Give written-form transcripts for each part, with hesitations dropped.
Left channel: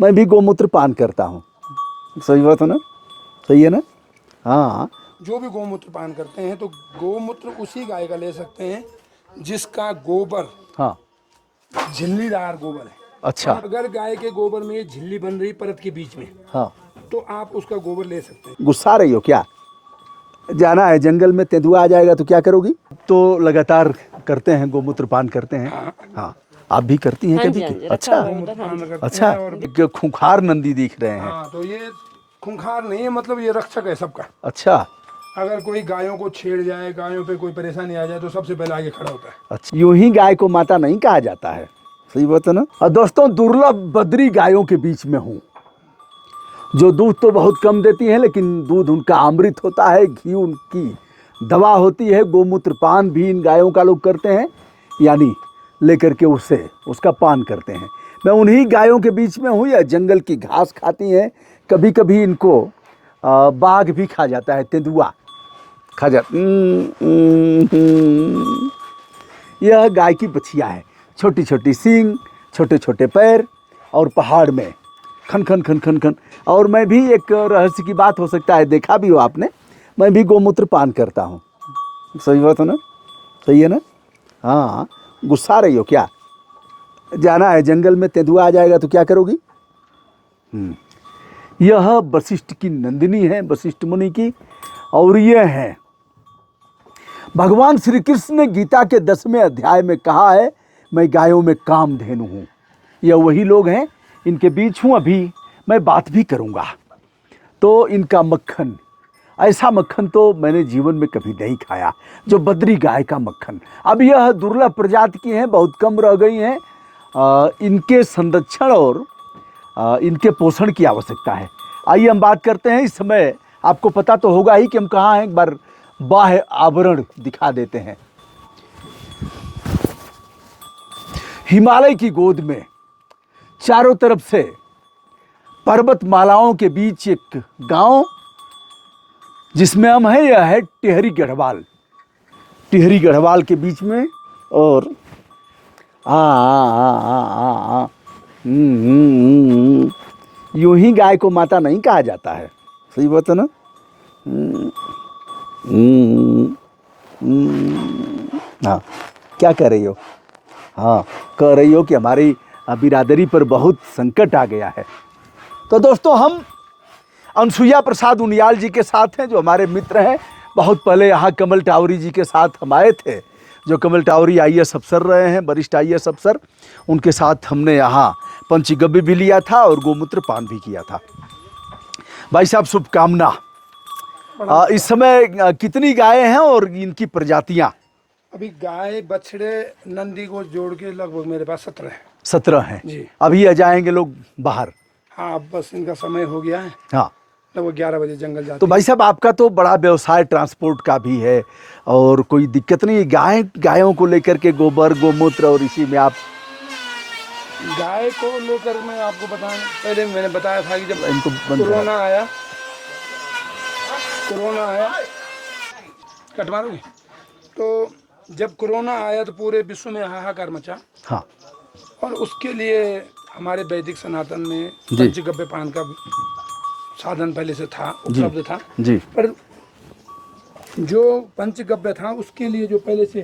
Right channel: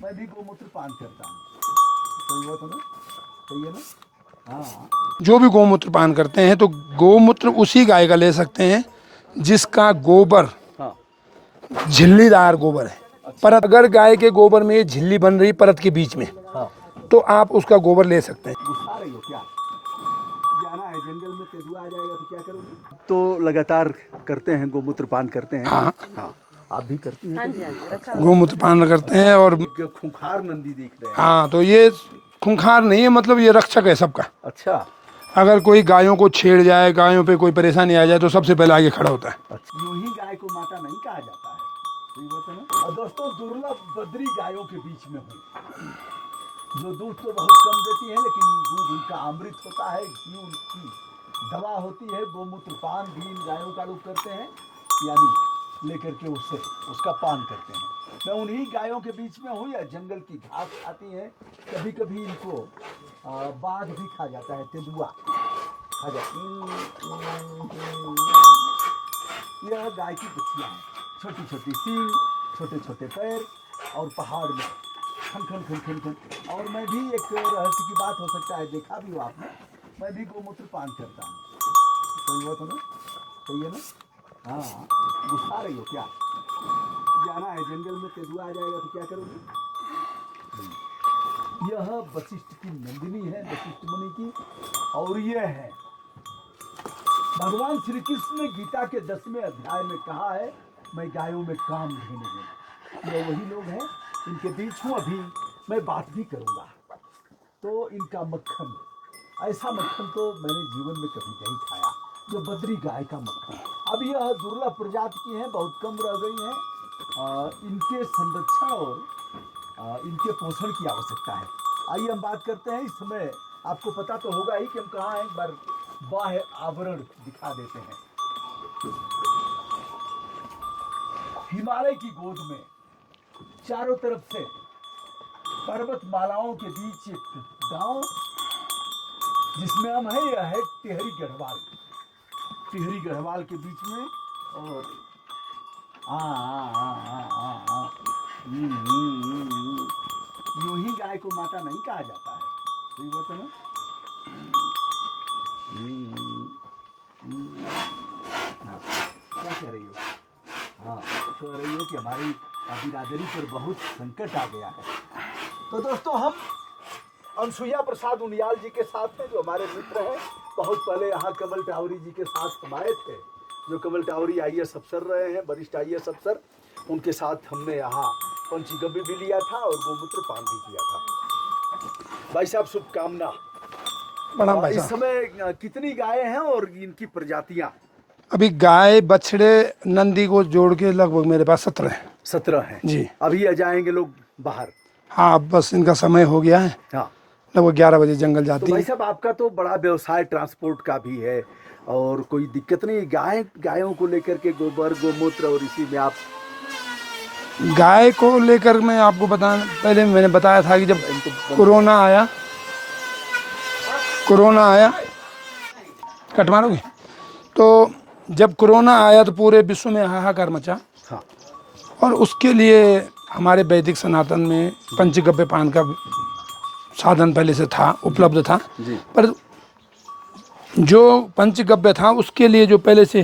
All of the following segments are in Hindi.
मैं भी गोमूत्र पान करता हूँ। सही बात है ना? सही है ना? हाँ। जो भी गोमूत्र पान करते हैं तो गोमूत्र उसी गाय का ले सकते हैं जिसका गोबर हाँ। झिल्लीदार गोबर है। अच्छा। परत अगर गाय के गोबर में ये झिल्ली बन रही परत के बीच में, हाँ। तो आप उसका गोबर ले सकते हैं। गुस्सा रही हो क्या? जाना है जंगल में, तेंदुआ आ जाएगा तो क्या करोगी? तो लगातार करते हैं, गोमूत्र पान करते हैं। हाँ हाँ। आप भी करती हैं कभी? अच्छा। गोमूत्र पान करते अच्छा। हैं। और एक खूंखार नंदी दिख रहे हैं। हाँ, तो ये खूंखार नहीं है, मतलब ये रक्षक है सबका। अच्छा। अगर कोई गायों को छेड़ जाए, गायों पे कोई परेशानी आ जाए, तो सबसे पहले आगे खड़ा होता है। अच्छा, यूं ही गाय को माता नहीं कहा जाता है। सही बात है ना? और दोस्तों, दुर्लभ बद्री गायों के बीच में हूँ, जो दूध तो बहुत कम देती हैं, लेकिन दूध उनका अमृत होता है, घी उनकी दवा होती है। गोमूत्र पान भी इन गायों का लोग करते हैं, यानी लेकर के उसका पान करते हैं। मैं उन्हीं गायों के बीच में हूँ। यह जंगल की घास खाती हैं। कभी कभी इनको बाघ भी खा जाता है, तेंदुआ खा जाता। यह गाय की बछिया है, छोटी छोटी सींग, छोटे छोटे पैर, और पहाड़ में खन खन खन खन खन। और मैं भी, एक रहस्य की बात हो सकता है, देखा भी हो आपने, मैं भी गोमूत्र पान करता हूँ। सही बात है ना? सही है ना? हाँ। गुस्सा रही हो क्या? जाना है जंगल में, तेंदुआ आ जाएगा तो क्या करोगी? यह वशिष्ठ की नंदिनी है, वशिष्ठ मुनि की। और यह है भगवान श्री कृष्ण ने गीता के 10वें अध्याय में कहा है, मैं गायों में कामधेनु हूँ। यह वही लोग हैं, इनके बीच हूँ अभी, मैं बात भी करूँगा। तो इनका मक्खन, ऐसा मक्खन तो मैंने जीवन में कभी नहीं खाया, जो बद्री गाय का मक्खन। अब यह दुर्लभ प्रजाति की हैं, बहुत कम रह गई हैं। इनके संरक्षण और इनके पोषण की आवश्यकता है। आइए हम बात करते हैं। इस समय आपको पता तो होगा ही कि हम कहाँ हैं। एक बार बाह्य आवरण दिखा देते हैं। हिमालय की गोद में चारों तरफ से पर्वतमालाओं के बीच एक गांव जिसमें हम हैं, यह है टिहरी गढ़वाल। टिहरी गढ़वाल के बीच में। और यूं ही गाय को माता नहीं कहा जाता है। सही बात है ना? हाँ। क्या कह रही हो? हाँ, कह रही हो कि हमारी बिरादरी पर बहुत संकट आ गया है। तो दोस्तों, हम अनसुईया प्रसाद उनियाल जी के साथ हैं, जो हमारे मित्र हैं। बहुत पहले यहाँ कमल टावरी जी के साथ हम आए थे, जो कमल टावरी IAS अफसर रहे हैं, वरिष्ठ IAS अफसर। उनके साथ हमने यहाँ पंचगव्य भी लिया था और गोमूत्र पान भी किया था। भाई साहब, शुभकामना। इस समय कितनी गायें हैं और इनकी प्रजातियां? अभी गाय बछड़े नंदी को जोड़ के लगभग मेरे पास 17 है। 17 हैं जी। अभी आ जाएंगे लोग बाहर। हाँ, अब बस इनका समय हो गया है। हाँ। लगभग 11 बजे जंगल जाती तो भाई साहब, आपका तो बड़ा व्यवसाय ट्रांसपोर्ट का भी है, और कोई दिक्कत नहीं? गायों को लेकर के गोबर गोमूत्र, और इसी में आप गाय को लेकर मैं आपको पहले मैंने बताया था कि जब इनको कोरोना आया, कट मारोगे? तो जब कोरोना आया तो पूरे विश्व में हाहाकार मचा। हाँ। और उसके लिए हमारे वैदिक सनातन में पंचगव्य पान का साधन पहले से था, उपलब्ध था जी। पर जो पंचगव्य था उसके लिए जो पहले से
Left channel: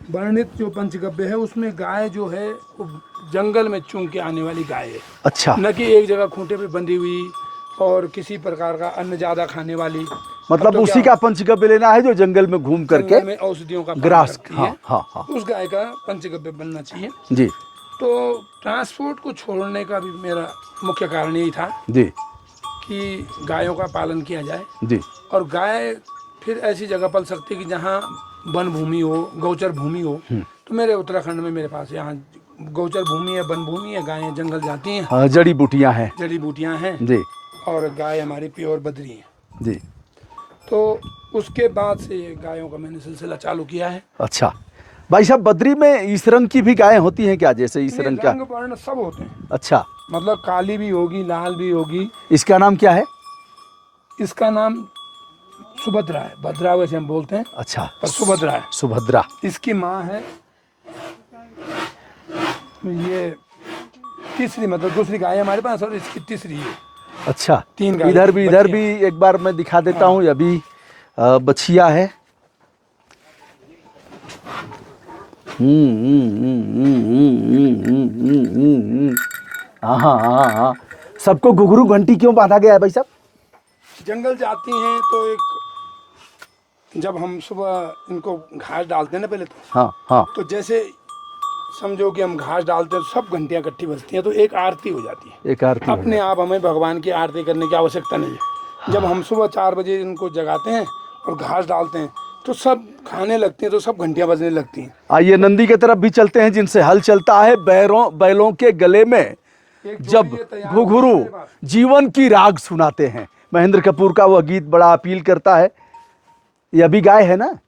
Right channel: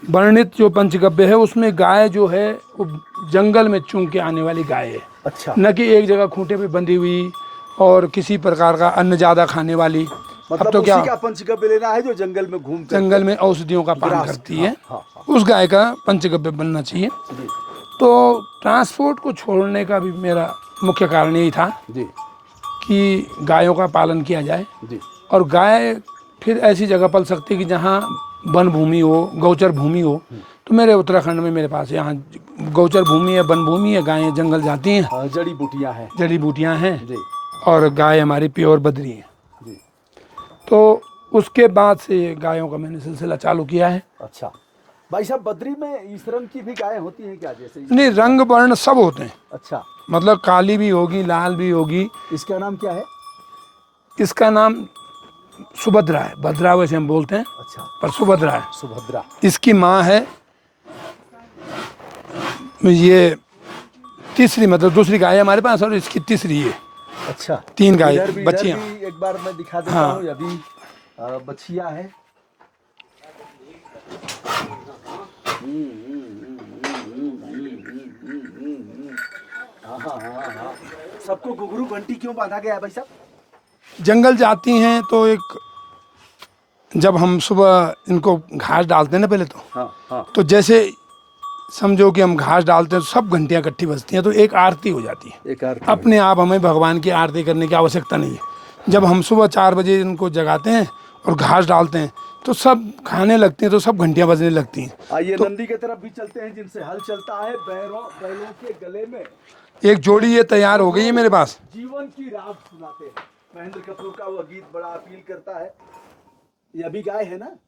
वर्णित जो पंचगव्य है, उसमें गाय जो है वो जंगल में चुन के आने वाली गाय है। अच्छा। न कि एक जगह खूंटे पे बंधी हुई और किसी प्रकार का अन्न ज्यादा खाने वाली। मतलब तो उसी का पंचगव्य लेना है जो जंगल में घूम कर जंगल में औषधियों का पान करती है। हाँ। उस गाय का पंचगव्य बनना चाहिए जी। तो ट्रांसपोर्ट को छोड़ने का भी मेरा मुख्य कारण यही था जी। कि गायों का पालन किया जाए। जी। और गाय फिर ऐसी जगह पल सकती है कि जहाँ वन भूमि हो, गौचर भूमि हो। तो मेरे उत्तराखंड में मेरे पास यहाँ गौचर भूमि है, वन भूमि है, गायें जंगल जाती हैं, जड़ी बूटियाँ हैं। जड़ी बूटियाँ हैं जी। और गाय हमारी प्योर बद्री है। जी। तो उसके बाद से ये गायों का मैंने सिलसिला चालू किया है। अच्छा भाई साहब, बद्री में इस रंग की भी गायें होती हैं क्या? जैसे इस नहीं, रंग का? रंग वर्ण सब होते हैं। अच्छा। मतलब काली भी होगी, लाल भी होगी। इसका नाम क्या है? इसका नाम सुभद्रा है। भद्रा वैसे हम बोलते हैं। अच्छा। पर सुभद्रा है। सुभद्रा। इसकी माँ है ये तीसरी, मतलब दूसरी गाय हमारे पास और इसकी तीसरी है। अच्छा, 3 गाय इधर भी बच्चियाँ। एक बार मैं दिखा देता हाँ। हूँ। अभी बछिया है। हाँ हाँ हाँ हाँ। सबको घुघरू घंटी क्यों बांधा गया है भाई साहब? जंगल जाती हैं तो एक, जब हम सुबह इनको घास डालते हैं ना पहले हाँ हाँ। तो जैसे समझो कि हम घास डालते हैं तो सब घंटियां इकट्ठी बजती हैं, तो एक आरती हो जाती है। एक आरती अपने आप हमें भगवान की आरती करने की आवश्यकता नहीं है। जब हम सुबह 4 बजे इनको जगाते हैं और घास डालते हैं तो सब खाने लगते हैं, तो सब घंटियां बजने लगती हैं। आइए नंदी की तरफ भी चलते हैं, जिनसे हल चलता है। बैलों के गले में एक जोड़ी जब ये तैयार हो गई है घुघरू मेरे पास। जीवन की राग सुनाते हैं। महेंद्र कपूर का वह गीत बड़ा अपील करता है। ये अभी गाय है ना?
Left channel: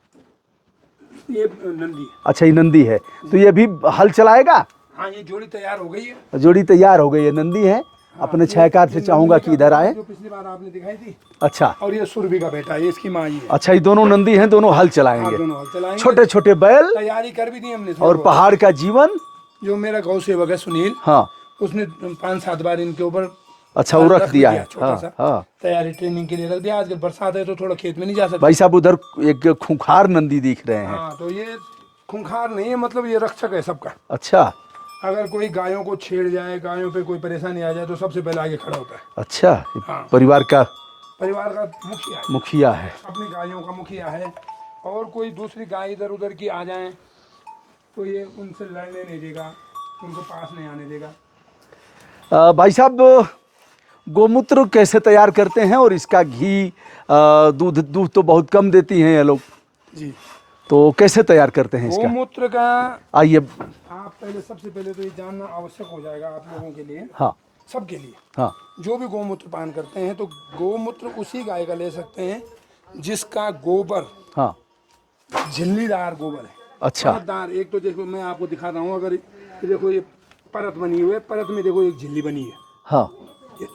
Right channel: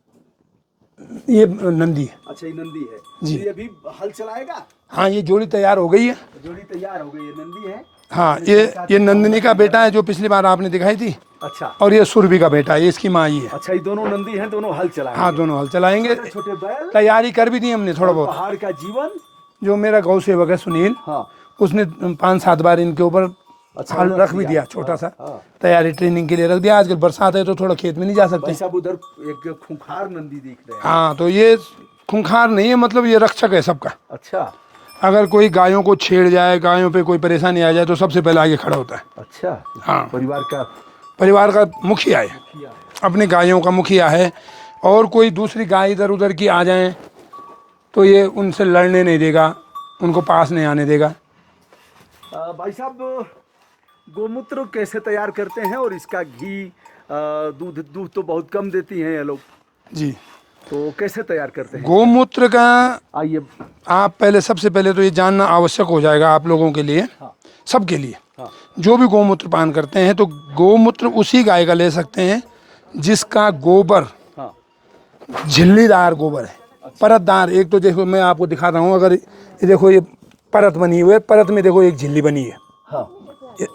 ये नंदी है। अच्छा, ये नंदी है, तो ये भी हल चलाएगा। हाँ, ये जोड़ी तैयार हो गई है। जोड़ी तैयार हो गई है, नंदी है। हाँ, अपने ये छायाकार से चाहूंगा नंदिनी कि का इधर बेटा है आए। जो पिछली बार आपने दिखाई थी, अच्छा, और ये सुरभि का बेटा है, इसकी माँ ही है। अच्छा, ये दोनों नंदी हैं, दोनों हल चलाएंगे। हाँ, दोनों हल चलाएंगे। छोटे छोटे बैल तैयारी कर भी दी हमने थोड़ा और बहुत। पहाड़ का जीवन। जो मेरा गौ सेवक है सुनील, हाँ, उसने 5-7 बार इनके ऊपर अच्छा, वो रख भी दिया है। छोटा हाँ, सा हाँ। तैयारी ट्रेनिंग के लिए रख दिया। आजकल बरसात है तो थोड़ा खेत में नहीं जा सकते। भाई साहब, उधर एक खूंखार नंदी दिख रहे हैं। हाँ, तो ये खूंखार नहीं है, मतलब ये रक्षक है सबका। अच्छा अगर कोई गायों को छेड़ जाए, गायों पे कोई परेशानी आ जाए तो सबसे पहले आगे खड़ा होता है। अच्छा। हाँ। परिवार का परिवार का मुखिया है, मुखिया है। अपनी गायों का मुखिया है। और कोई दूसरी गाय इधर उधर की आ जाए तो ये उनसे लड़ने नहीं देगा, उनको पास नहीं आने देगा। भाई साहब, गोमूत्र कैसे तैयार करते हैं? और इसका घी, दूध तो बहुत कम देती हैं ये लोग, जी। तो कैसे तैयार करते हैं इसका? गोमूत्र का आइए। आप पहले, सबसे पहले तो ये जानना आवश्यक हो जाएगा आप लोगों के लिए, हाँ सबके लिए। हाँ। जो भी गोमूत्र पान करते हैं तो गोमूत्र उसी गाय का ले सकते हैं जिसका गोबर हाँ। झिल्लीदार गोबर है। अच्छा। परतदार। एक तो देखो मैं आपको दिखाता हूँ, अगर ये देखो, ये परत बनी हुई है, परत में देखो एक झिल्ली बनी है। हाँ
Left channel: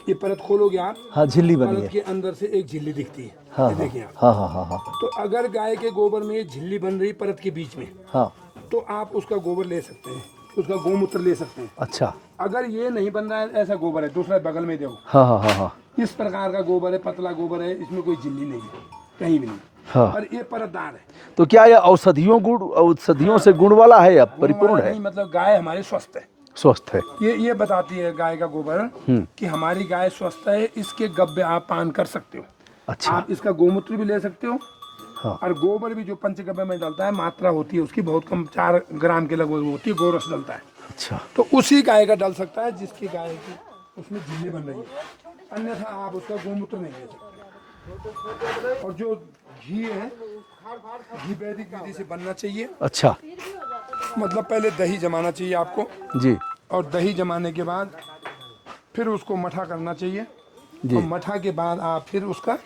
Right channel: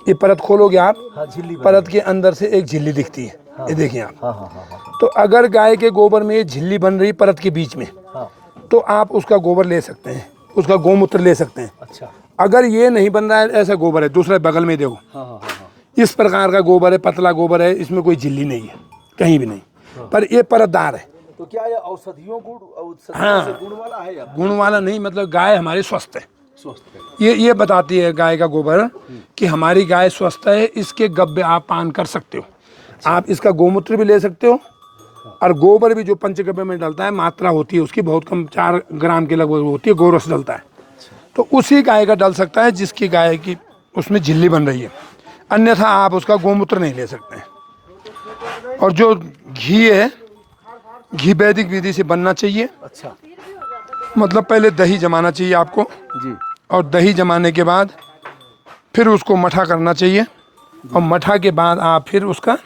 ये परत खोलोगे आप, हाँ, झिल्ली बनी परत है। के अंदर से एक झिल्ली दिखती है। हाँ, ये देखिए आप। हाँ हाँ हाँ हाँ तो अगर गाय के गोबर में ये झिल्ली बन रही परत के बीच में, हाँ। तो आप उसका गोबर ले सकते हैं, उसका गोमूत्र ले सकते हैं। अच्छा। अगर ये नहीं बन रहा है, ऐसा गोबर है दूसरे बगल में देखो, हाँ हाँ हाँ हाँ। इस प्रकार का गोबर है, पतला गोबर है, इसमें कोई झिल्ली नहीं है कहीं भी नहीं। हाँ। पर ये परतदार है। तो क्या ये औषधियों हाँ। से गुण वाला है या गुण वाला नहीं, मतलब गाय हमारी स्वस्थ है। स्वस्थ है? ये बताती है गाय का गोबर कि हमारी गाय स्वस्थ है। इसके गब्बे आप पान कर सकते हो। अच्छा। आप इसका गोमूत्र भी ले सकते हो। हाँ। और गोबर भी जो पंचगव्य में डलता है, मात्रा होती है उसकी बहुत कम, 4 ग्राम के लगभग होती है, गोरस डलता है। अच्छा। तो उसी गाय का डल सकता है जिसकी गाय की उसमें झिल्ली बन रही है, अन्यथा आप उसका गोमूत्र नहीं ले सकते हैं। और जो घी है, घी वैदिक विधि से बनना चाहिए। अच्छा। मतलब पहले दही जमाना चाहिए आपको, जी। और दही जमाने के बाद फिर उसको मठा करना चाहिए। और मठा के बाद आप फिर उसका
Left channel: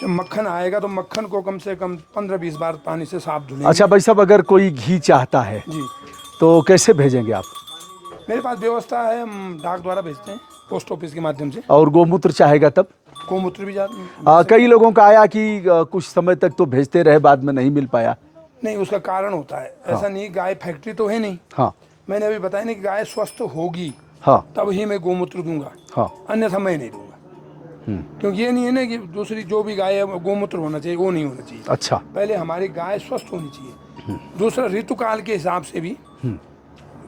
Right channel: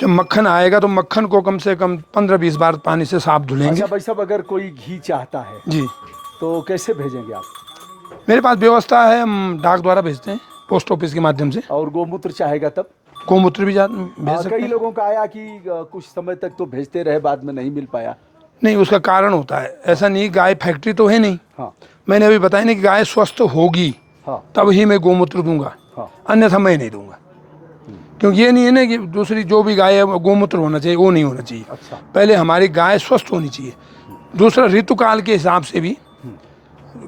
जब मक्खन आएगा तो मक्खन को कम से कम 15-20 बार पानी से साफ धुलेंगे। अच्छा भाई साहब, अगर कोई घी चाहता है जी, तो कैसे भेजेंगे आप? मेरे पास व्यवस्था है, हम डाक द्वारा भेजते हैं, पोस्ट ऑफिस के माध्यम से। और गोमूत्र चाहेगा तब? गोमूत्र भी कई लोगों का आया कि कुछ समय तक तो भेजते रहे, बाद में नहीं मिल पाया। नहीं, उसका कारण होता है। ऐसा नहीं, गाय फैक्ट्री तो है नहीं। हाँ मैंने अभी बताया नहीं कि गाय स्वस्थ होगी हाँ तब ही मैं गोमूत्र दूंगा, हाँ। अन्यथा मैं नहीं दूंगा। क्योंकि ये नहीं है ना कि दूसरी जो भी गाय है वो गोमूत्र होना चाहिए, वो नहीं होना चाहिए। अच्छा। पहले हमारी गाय स्वस्थ होनी चाहिए। दूसरा, ऋतुकाल के हिसाब से भी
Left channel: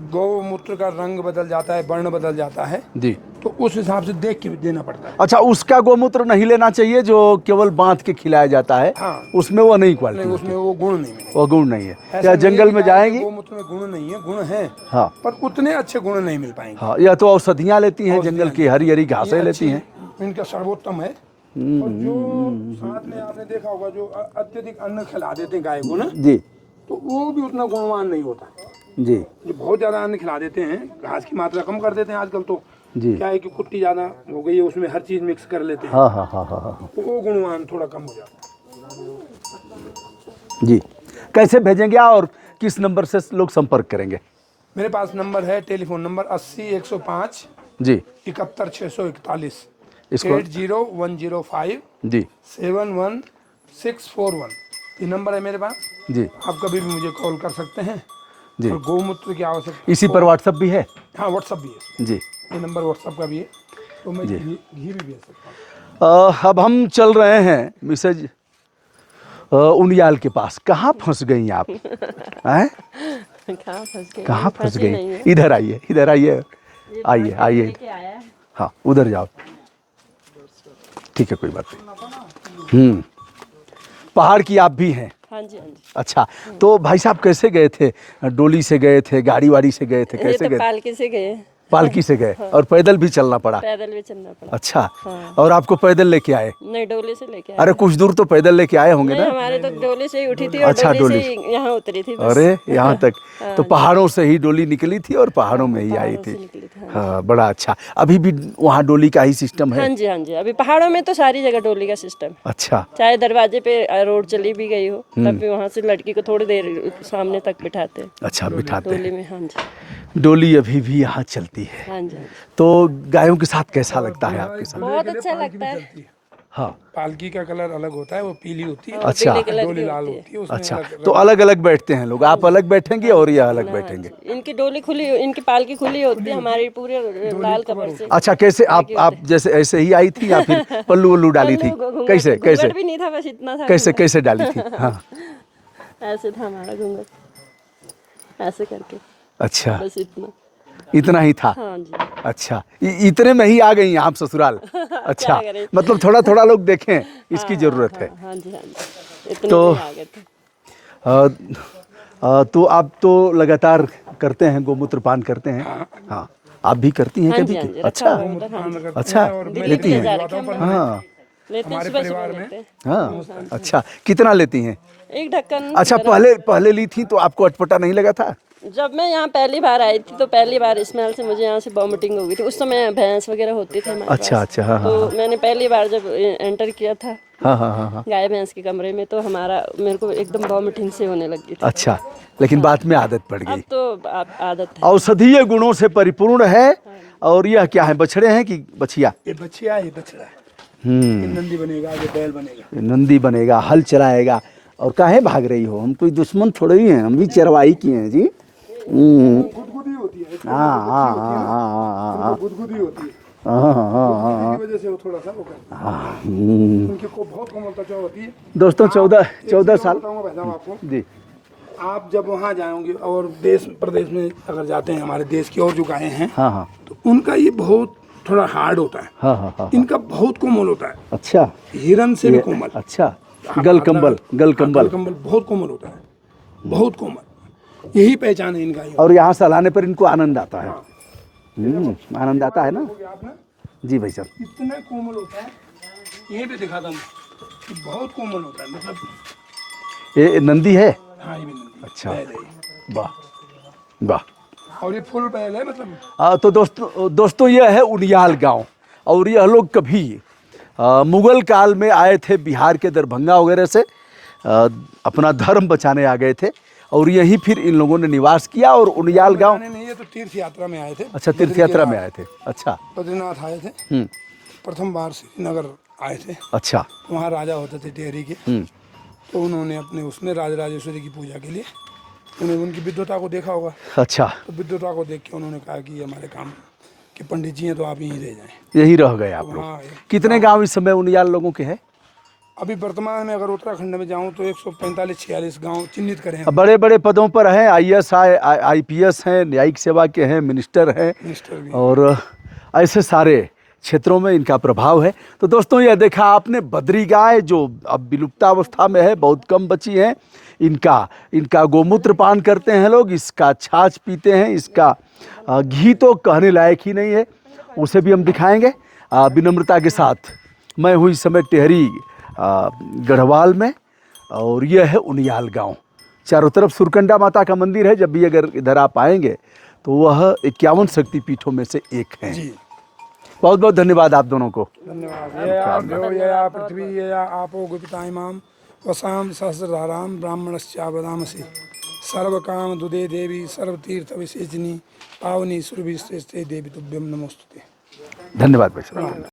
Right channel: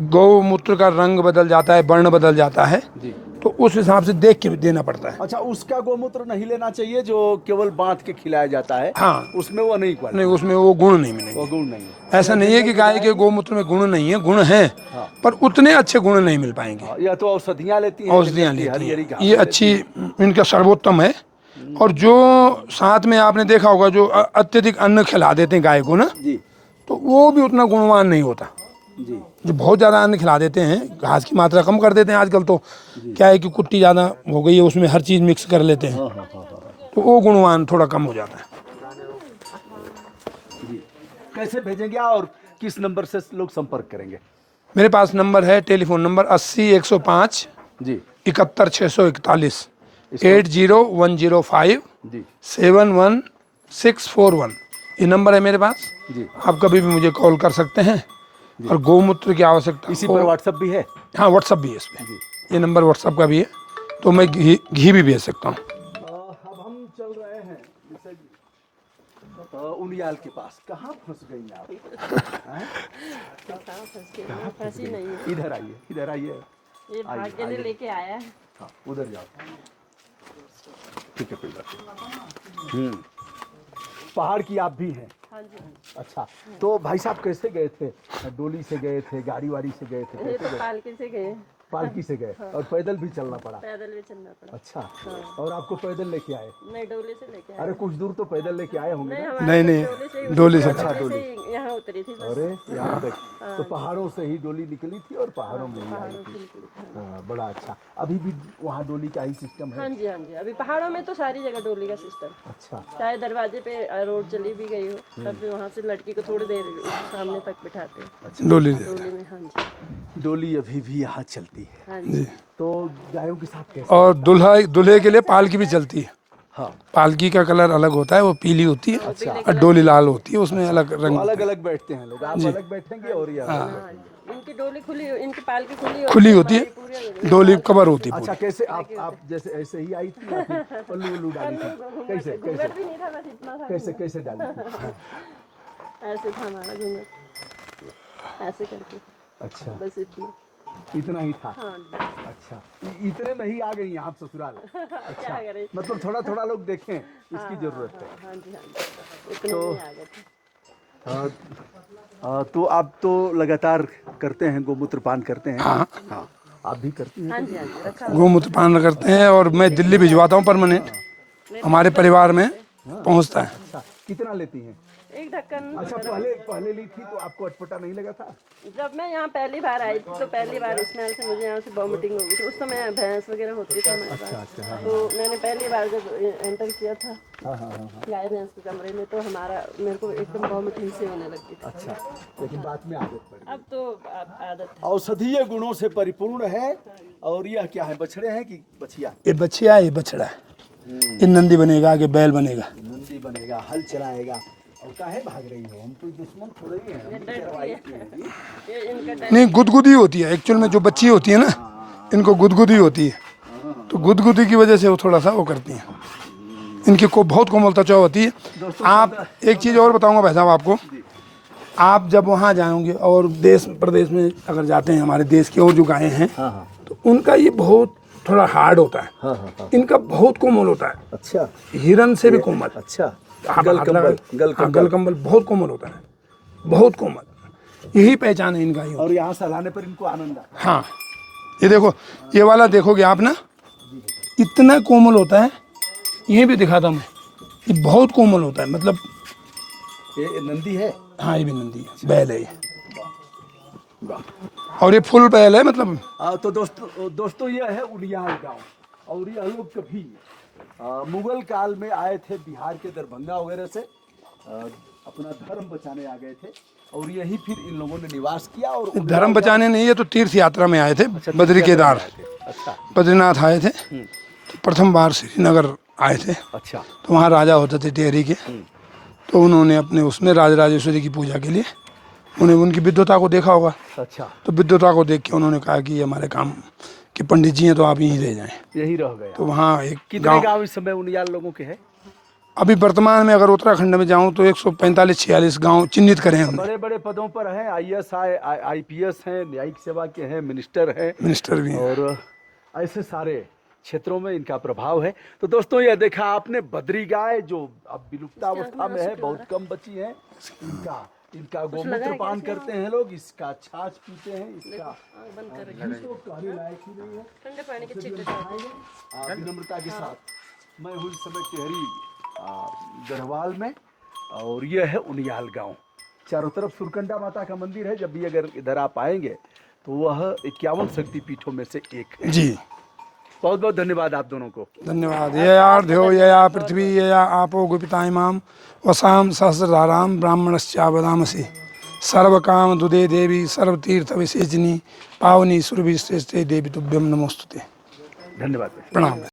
गौमूत्र का रंग बदल जाता है, वर्ण बदल जाता है, जी। तो उस हिसाब से देख के देना पड़ता है। अच्छा, उसका गोमूत्र नहीं लेना चाहिए जो केवल बांध के खिलाया जाता है। हाँ। उसमें वो नहीं क्वालिटी, नहीं, उसमें वो गुण नहीं मिलेंगे। वो गुण नहीं है। ऐसा क्या नहीं है जंगल कि में गाय के जाएंगे? गोमूत्र में गुण नहीं है, गुण है। हाँ। पर उतने अच्छे गुण नहीं मिल पाएंगे। हाँ, यह तो औषधियाँ लेती हैं, औषधियाँ जंगल की लेती हरी हैं। हरी घास ये अच्छी, इनका सर्वोत्तम है। और जो साथ में आपने देखा होगा जो अत्यधिक अन्न खिला देते हैं गाय को ना, जी तो वो भी उतना गुणवान नहीं होता। जी। जो बहुत ज़्यादा अन्न खिला देते हैं, घास की मात्रा कम कर देते हैं आजकल तो। जी। क्या है कि कुट्टी ज़्यादा हो गई है, उसमें हर चीज़ मिक्स कर लेते हैं। हाँ हाँ हाँ हाँ हाँ। तो वो गुणवान थोड़ा कम हो जाता है। जी। कैसे भेजेंगे और किस नंबर से लोग संपर्क करेंगे? मेरे पास नंबर है, टेलीफोन नंबर 80-105 जी 71-641, इसको- 80-105 जी 71641। ये नंबर है मेरे पास। जी। आप कभी भी मुझे कॉल कर सकते हैं। और गौमूत्र की आवश्यकता इसी हो- पर व्हाट्सएप भी है? हाँ, व्हाट्सअप भी है इसमें। जी। ये नंबर व्हाट्सअप का भी है, तो मैं घी भी भेज सकता हूँ। अब हम चल रहे हैं मिसेज उनियाल के पास। कहाँ फंस गई आप? हैं? कहाँ फंस गई? कहाँ फंस फंसी नहीं गई? है। इधर आइए, इधर आइए, ये आइए भाग्य आइए। लेके आया है। हाँ, उधर जाओ। ठीक है, कोई बात नहीं। पहाड़ की आप भी हैं? हाँ जी, हाँ जी। अच्छा, तो भाई साहब कैसे गए थे? डोली से गए थे, गाड़ी वाड़ी से गए थे, ये कैसे तो गए? पालकी से गए, पालकी से गए और पैदल भी चलना पड़ा? पैदल भी चलना पड़ा। अच्छा, हाँ। और आपको पैदल लेके आए? नहीं, डोले से लेके आए। अरे कुछ दूर तो पैदल लेके आए होंगे नहीं, ना? हमारी नहीं, तो डोले से ही उठी डोले थी से। और अच्छा, डोले डोले से ही यहाँ उतरी थी बस। अरे यहाँ तक हाँ तो जी। पहाड़ों से ही डोली निकली थी और पहाड़ों में ही आई पहाड़ों से थी। निकली थी, हाँ, बड़ा अच्छा। अभी भी वहाँ डोली का ही सिस्टम है? हाँ जी, हाँ जी। अभी पहाड़ों में तो सारी जगह डोली का सिस्टम, अच्छा, चाहे दरवाजे पे रोड चली भी गई हो तब भी वहाँ से लड़की को थोड़ी देर सामने तक बिठाते हैं अच्छा, डोली। बिठाते हैं। डोली में। हाँ जी, डोली अभी भी यहाँ चलती है। हाँ जी। तो गायों के साथ कैसा और लगता है? दूल्हे के लिए अच्छा पालकी लगता भी है। चलती है। हाँ, पालकी का कलर अलग होता है, वो पीली होती है। अच्छा। पीले कलर डोली की लाल होती होती है, उसमें अच्छा, अलग तो रंग। अलग अलग बैठते हैं लोग। आप अलग बैठेंगे और ये अलग है। बैठेंगे? हाँ जी। इनकी डोली खुली, इनकी पालकी खुली होती खुली है, होती है, हमारी पूरे डोली लाल कवर कपड़े होती से। है। अच्छा, कैसे आप जैसे ऐसे ही आई थी या फिर पल्लू वल्लू डाली थी? घूंघट- कैसे घूंघट कैसे भी नहीं था, बस इतना था। कैसे घूंघट। कैसे डाली थी? हाँ, ऐसे था हमारा घूंघट, ऐसे करके, अच्छा, बस इतना। इतना ही था। हाँ जी। अच्छा, इतने में ही आ गई आप ससुराल? अच्छा, करें? मतलब थोड़ा थोड़ा लोग देखें, इसकी जरूरत है। हाँ जी, हाँ जी। इतने तो- में आ गए थे। तो आप तो लगातार करते हैं, गोमूत्र पान करते हैं? हाँ, आप भी करती हैं हाँ कभी? जी, हाँ जी, अच्छा, रखा हुआ गोमूत्र पान करते अच्छा। हैं, और मैं दिल्ली भिजवाता हूँ परमानेंट। हाँ, लेते हमारे सुबह परिवार सुबह में लेते। हाँ, पहुँचता है। अच्छा, कितना लेती हैं? एक ढक्कन। अच्छा, पहले ली थी तो आपको अटपटा नहीं लगा था? जब मैं यहाँ पहली बार आई थी तो पहली बार स्मेल से मुझे यहाँ से वॉमिटिंग हो गई थी। उस समय भैंस वगैरह होती थी हमारे अच्छा, पास। अच्छा, हाँ, तो मैंने पहली बार जब एंटर किया था हाँ, हाँ, हाँ, हाँ। गाय भैंस के कमरे में, तो मेरे को एकदम वॉमिटिंग से होने लगी थी। अच्छा, लेकिन बाद में आदत पड़ अब गई। तो आदत है। औषधीय गुणों से परिपूर्ण है। और यह क्या है, बछड़े हैं कि बछिया? ये बच्चिया, ये बछड़ा है। ये नंदी बनेगा, ये बैल बनेगा। नंदी बनेगा, हल चलाएगा। और काहे भाग रही हो? हम कोई दुश्मन थोड़े ही हैं, हम भी चरवाई की हैं जी। नहीं, गुदगुदी होती है एक्चुअल में, जो बच्ची होती है ना, हाँ, इनको गुदगुदी होती है। हाँ, तो गुदगुदी की वजह से वो थोड़ा सा वो करती है। इनकी को बहुत कोमल त्वचा होती है। दोस्तों, आप- 14 एक चीज़ और साल- बताऊंगा भाई साहब आपको। जी, आप जब वहाँ जाओगे और देश प्रदेश में अगर जाते हैं, हमारे देश की और जो गायें हैं, हाँ, हाँ, तो उनका ये बहुत थोड़ा हार्ड होता है। हाँ, हाँ, हाँ। इनका बहुत कोमल होता है, अच्छा, हिरन से भी कोमल। अच्छा, आप गलकंबल, हाँ, गलकंबल। गलकंबल बहुत कोमल होता है, बहुत कोमल। यही पहचान है इनका। और यहाँ सहलाने पर इनको आनंद आता है। हाँ, ये देखो, आनंद ये आता वाला है ना? देखोगे आप ना, जी भाई साहब, इतना कोमल होता है। ये भी दिखाता हूँ, ये बहुत कोमल होता है, मतलब। ये नंदी है? हाँ, ये भी नंदी है, बैल है ये। वाह, वाह। और ये फुल बैल है, मतलब। तो दोस्तों यह है उनियाल गांव। और यह लोग कभी मुगल काल में आए थे बिहार के दरभंगा वगैरह से, अपना धर्म बचाने आ गए थे और यहीं फिर इन लोगों ने निवास किया। और उनियाल धर्म गांव, बचाने नहीं, ये तो तीर्थ यात्रा में आए थे। अच्छा, बद्री तीर्थ यात्रा केदार में आए थे। अच्छा, बद्रीनाथ आए थे, तो प्रथम बार श्रीनगर आए थे। अच्छा, तो वहाँ राजा होते थे टेहरी के, तो उन्होंने अपने उसमें राजराजेश्वरी की पूजा के लिए उन्हें उनकी विद्वता को देखा होगा। अच्छा, तो विद्वता को देख के उन्होंने कहा कि ये हमारे काम के पंडित जी हैं, तो आप यहीं रह जाएं। यही रह गया। तो वहाँ एक कितने गांव इस समय उनियाल लोगों के हैं? अभी वर्तमान में अगर उत्तराखंड में जाऊँ तो 145-46 गांव चिन्हित करें हैं। बड़े बड़े पदों पर हैं, IAS IPS हैं, न्यायिक सेवा के हैं, मिनिस्टर हैं, मिनिस्टर भी हैं। और ऐसे सारे क्षेत्रों में इनका प्रभाव है। तो दोस्तों, यह देखा आपने बद्री गाय जो अब विलुप्तावस्था में है, बहुत कम बची है। इनका गोमूत्र पान करते हैं लोग, इसका छाछ पीते हैं, इसका घी तो कहने लायक ही नहीं है, उसे भी हम दिखाएंगे विनम्रता के साथ। मैं हूँ इस समय टेहरी गढ़वाल में, और यह है उनियाल गांव। चारों तरफ सुरकंडा माता का मंदिर है। जब भी अगर इधर आप आएंगे तो वह 51 शक्तिपीठों में से एक है। जी, बहुत बहुत धन्यवाद आप दोनों को। धन्यवाद। ये यार देव, ये या पृथ्वी, ये या आपो गुपिता इमाम वसाम सहस्रधाराम ब्राह्मणश्चा वदामसि सर्व काम दुदे देवी सर्व तीर्थ विसेचनी पावनी सुरभि श्रेष्ठे देवी तुभ्यम नमोस्तुते। धन्यवाद भाई साहब। प्रणाम।